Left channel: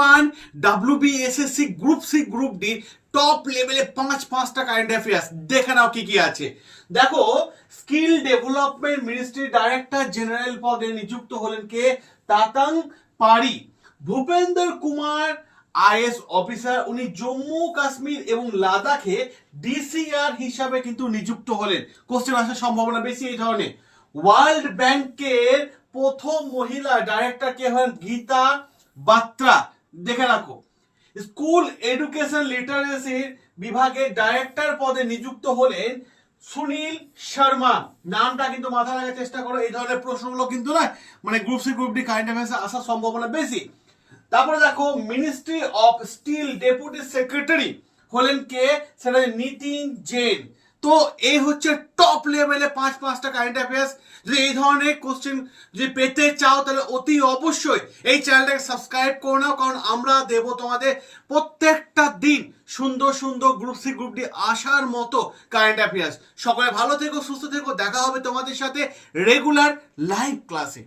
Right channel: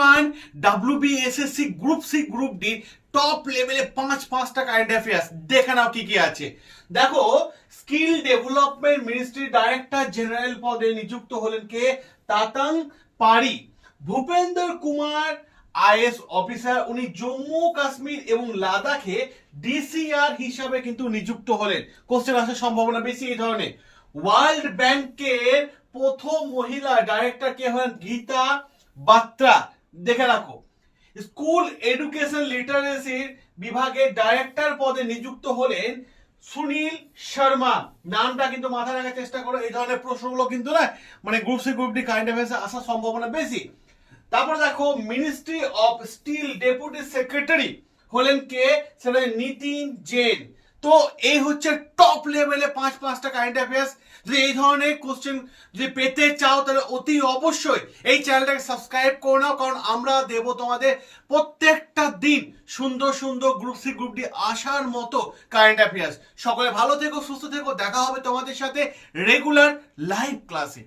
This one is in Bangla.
One WBSSC group C group D top লেভেলে পাঁচটা কারেন্ট অ্যাফেয়ার্স দেখে নাও কি কি আছে। দেখো, skill development ministry director general পদে নিযুক্ত হলেন কে? তাতাং পারি। ভূপেন্দ্র কুমার আইএস অফিসার, উনি জম্মু কাশ্মীর এবং লাদাখে ডিসিআর হিসাবে কিন্তু নিযুক্ত হলেন। কোশ্চেন আসার সম্ভাবনা বেশি এই ধরনের। ওয়ার্ল্ড ব্যাংকের প্রথম মহিলা ডাইরেক্টর কে হলেন? গীতা বাত্রা, দেখে রাখো। স্কুল এডুকেশন লিটারেসি বিভাগের ডাইরেক্টর পদে নিযুক্ত হলেন সুনীল শর্মা। নামটা কিন্তু মাথায় রাখার চেষ্টা করো, এই ধরনের প্রশ্নগুলো কিন্তু না মানে group C group D current অ্যাফেয়ার্সে আসার সম্ভাবনা বেশি। তারপরে দেখো, ministry of steel deputy secretary হলেন কে? সেটা নিতিন জেন। তো এই হচ্ছে টপ লেভেলে পাঁচটা কারেন্ট অ্যাফেয়ার্স। যদি এই ধরনের কোশ্চেন যদি পেতে চাও তাহলে অতি অবশ্যই এই চ্যানেলটাকে সাবস্ক্রাইব করে নাও, কারণ আমরা দেব তোমাদের প্রত্যেকটা দিন সুন্দর সুন্দর গ্রুপ সি গ্রুপ ডি আসার মতো কারেন্ট অ্যাফেয়ার্স। সকলে ভালো থেকো, সুস্থ থেকো, দেখা হবে তোমাদের সাথে রেগুলার লাইভ ক্লাসে।